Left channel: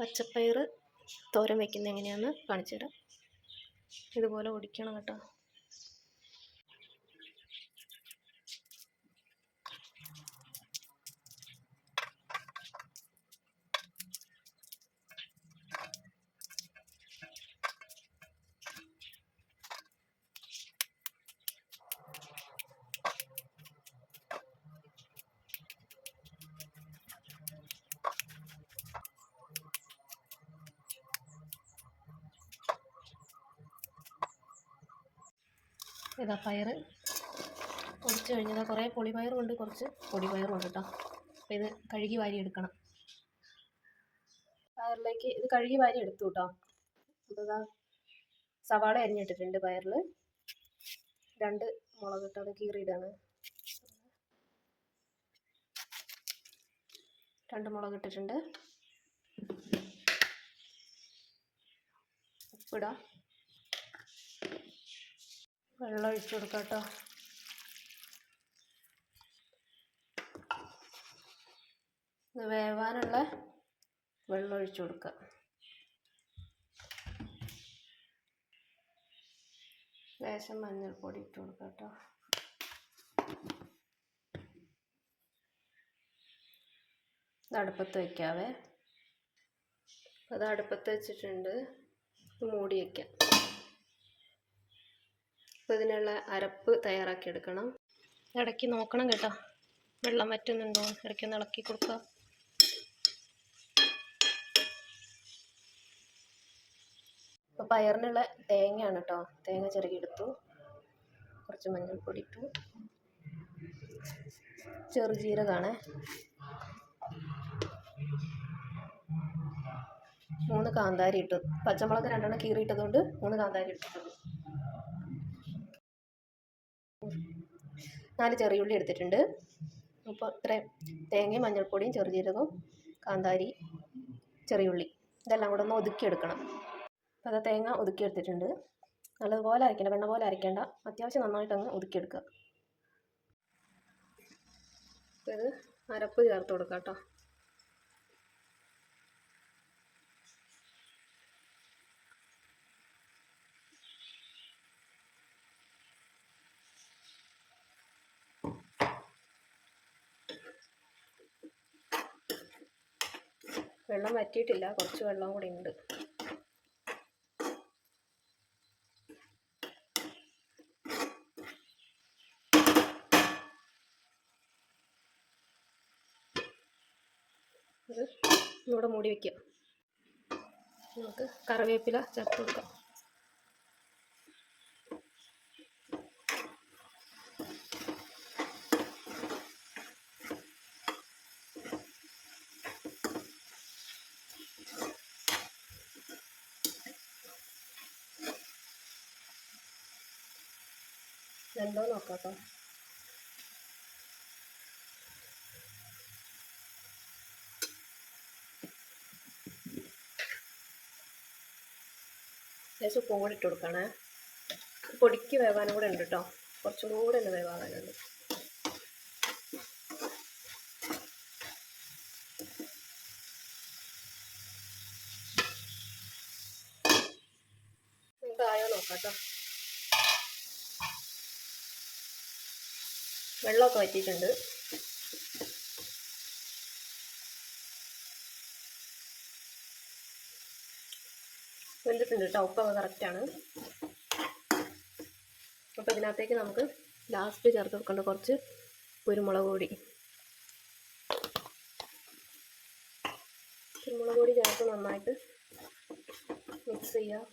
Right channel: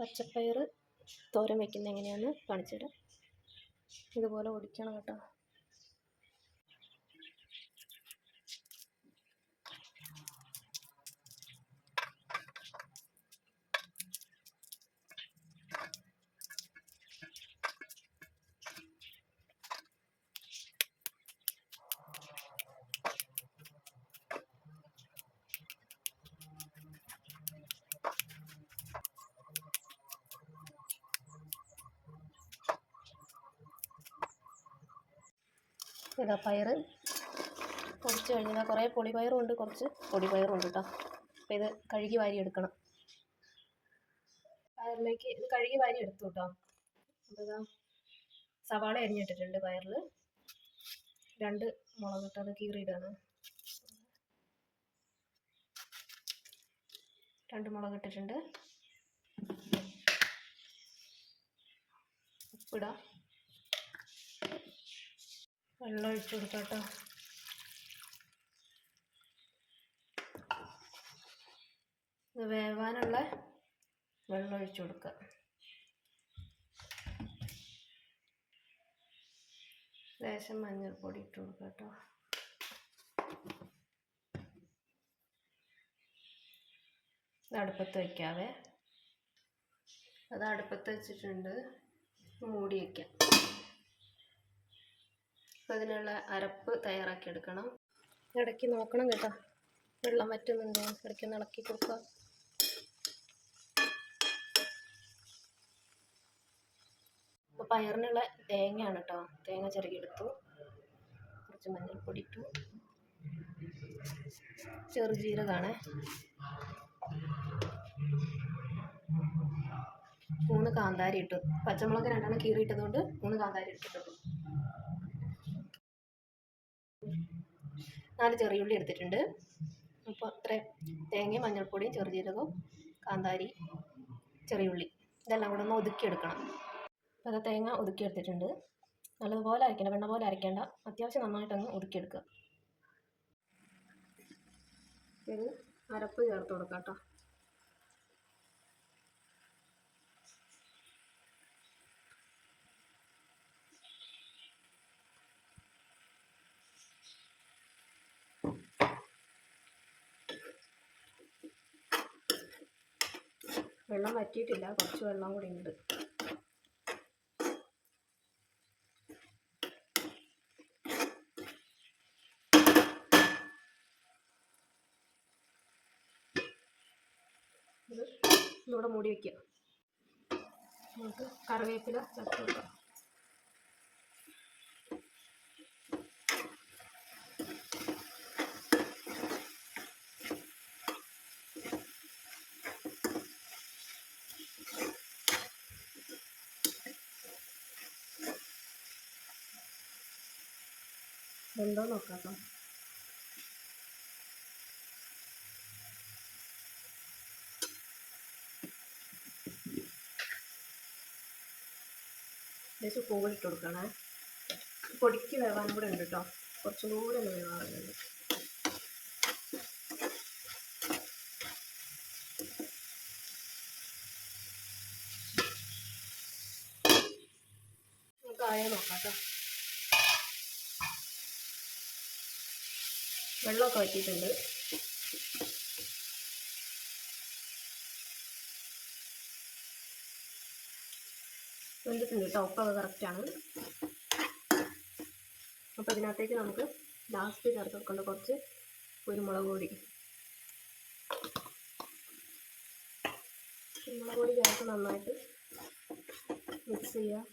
പച്ചപ്പയർ തോരൻ വയ്ക്കുന്നത് എങ്ങനെയാണെന്ന് കാണിച്ചു തരാം. ഇതുപോലെ ഒടിക്കണം കേട്ടോ. ഇതാ പയർ പൊടിച്ച് കഴിഞ്ഞാൽ കുറേ പൊളിപ്പയറും ഉണ്ട്, കുറച്ച് പൊടിപ്പയറും ഉണ്ട് കേട്ടോ. അപ്പോൾ ഇത് കഴുകി വാരി എടുക്കണം. പയറിലേക്ക് ഇത് കഴുകി വാരി എടുത്തു കേട്ടോ. അപ്പോൾ ഇതാ സവാള അരിഞ്ഞിട്ടിട്ടുണ്ട്. പയറിൽ 2 മുളക് ഇട്ട് അത് കീറിയിടാണ്. 2 മുളക് ഇട്ടിട്ടുണ്ട്. ഉപ്പിടാം. വെള്ളം ഒഴിച്ചു കൊടുക്കാം കേട്ടോ. ഇത് വേവാനുള്ള വെള്ളം ഒഴിച്ചു കൊടുക്കുക. ലേശം മഞ്ഞൾപ്പൊടി ഇട്ട് കൊടുക്കുക കേട്ടോ. ഇത് അടുപ്പത്ത് വയ്ക്കാവേ. അത് അടുപ്പത്ത് വെച്ചിട്ടുണ്ട്. മൂടി വയ്ക്കാം. ഇതിനുള്ള അരപ്പ് തയ്യാറാക്കി എടുക്കണം. ഇടയ്ക്ക് നോക്കണം കേട്ടോ, വെള്ളം വറ്റുന്നുണ്ടോ, ഇടയ്ക്കൊന്ന് ഇളക്കി കൊടുക്കുക. ഇപ്പോൾ പയറിനുള്ള തേങ്ങയാണ് കേട്ടോ. തേങ്ങ ചിരകിയെടുത്തു. കുറച്ച് മഞ്ഞൾപ്പൊടി ഇട്ടു. ചെറുജീരകമാണ്. 3 കാന്താരി ഇട്ടു. പച്ചമുളക് 2 കീറിയിട്ടതുകൊണ്ട് 3 കാന്താരി ഇട്ടിട്ടത്. 4 ചെറിയുള്ളി എടുത്തിട്ടുണ്ട്. അപ്പോൾ ഇത്ര തേങ്ങയും മഞ്ഞൾപ്പൊടിയും ചെറുജീരകവും കാന്താരി ചെറിയുള്ളി ഇതെല്ലാം കൂടെ ഒന്ന് ഒതുക്കിയെടുക്കണം. അപ്പോൾ അത് തേങ്ങ ഒതുക്കിയെടുത്തിട്ടുണ്ട്. നല്ലതുപോലെ അരയ്ക്കേണ്ട, വെണ്ണ പോലെ അരയ്ക്കേണ്ട, അത്യാവശ്യം നന്നായിട്ടങ്ങ് ഒതുക്കിയെടുക്കുക. അപ്പോൾ ഇത് അരപ്പ് ചേർത്ത് കൊടുക്കാം കേട്ടോ. വെള്ളം വറ്റിയിട്ടില്ല, കുറച്ച് വെള്ളം കൂടി ഉണ്ട്. ഇത് ഇവിടെ മൂടി വയ്ക്കാം. നമുക്ക് കറിവേപ്പില ചേർത്ത് കൊടുക്കാം. എന്താ നോക്കാം കേട്ടോ. ലേശം ഉപ്പും ഇട്ട് കൊടുക്കണേ. പൊടിക്ക് വേവാനും കൂടെ ഉണ്ട് കേട്ടോ. കുറച്ചും കൂടെ ഒന്ന് വേവാനുണ്ട്. നമുക്ക് ആയോ നോക്കാം കേട്ടോ. വെള്ളമൊക്കെ വറ്റിയിട്ടുണ്ട്. വെന്തിട്ടുണ്ട് കേട്ടോ. ഉപ്പൊക്കെ കറക്റ്റാണ്. അപ്പോൾ ഇതിനകത്തേക്ക് നമുക്ക് ലാസ്റ്റ് ചേർത്ത് കൊടുക്കേണ്ട കുറച്ച് കുരുമുളക് പൊടി. കുരുമുളക് പൊടി ചേർത്ത് നന്നായിട്ട് മിക്സ് ചെയ്യുക.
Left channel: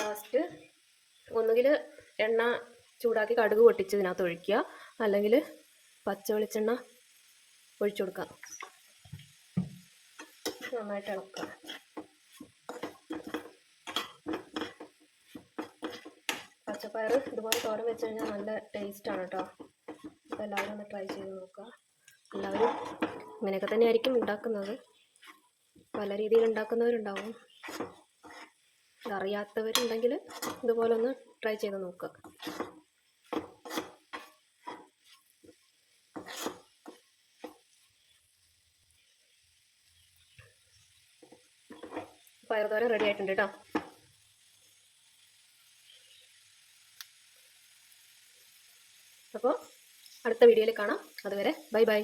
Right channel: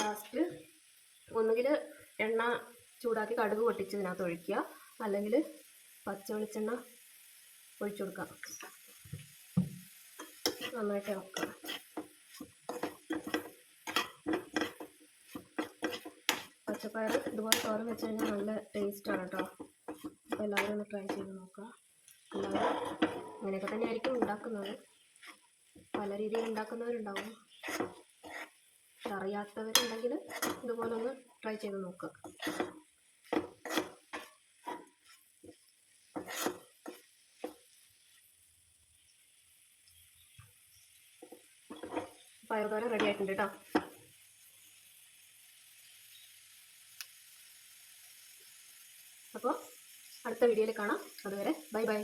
ലാസ്റ്റ് ഒന്നുകിൽ എണ്ണ ചൂടാക്കി കടുക് പൊട്ടിച്ച് ഇതിനകത്ത് ഒഴിക്കുക, അല്ലെങ്കിൽ പച്ച വെളിച്ചെണ്ണ ഒഴിച്ചു കൊടുക്കുക. നന്നായിട്ട് ഇളക്കുക. പച്ചപ്പയർ ഇതുപോലെ തോരൻ വെച്ച് കഴിഞ്ഞാൽ നല്ല ടേസ്റ്റാണ് കേട്ടോ. അപ്പോൾ എല്ലാവരും ഒന്ന് ട്രൈ ചെയ്ത് നോക്കുക. എല്ലാവരും ഇങ്ങനെയൊക്കെ തന്നെയായിരിക്കും ഉണ്ടാക്കുന്നത്. പല രീതിയിൽ ഉണ്ടാക്കുന്നവരുണ്ടാവും. അറിയാത്തവരുണ്ടെങ്കിൽ ഇതുപോലെ ഒന്ന് ട്രൈ ചെയ്ത് നോക്കുക. പയറുതോരൻ റെഡി ആയിട്ടുണ്ട് കേട്ടോ. അപ്പോൾ അടുത്ത വീഡിയോയിൽ കാണാം. അതുവരെ ബൈ ബൈ.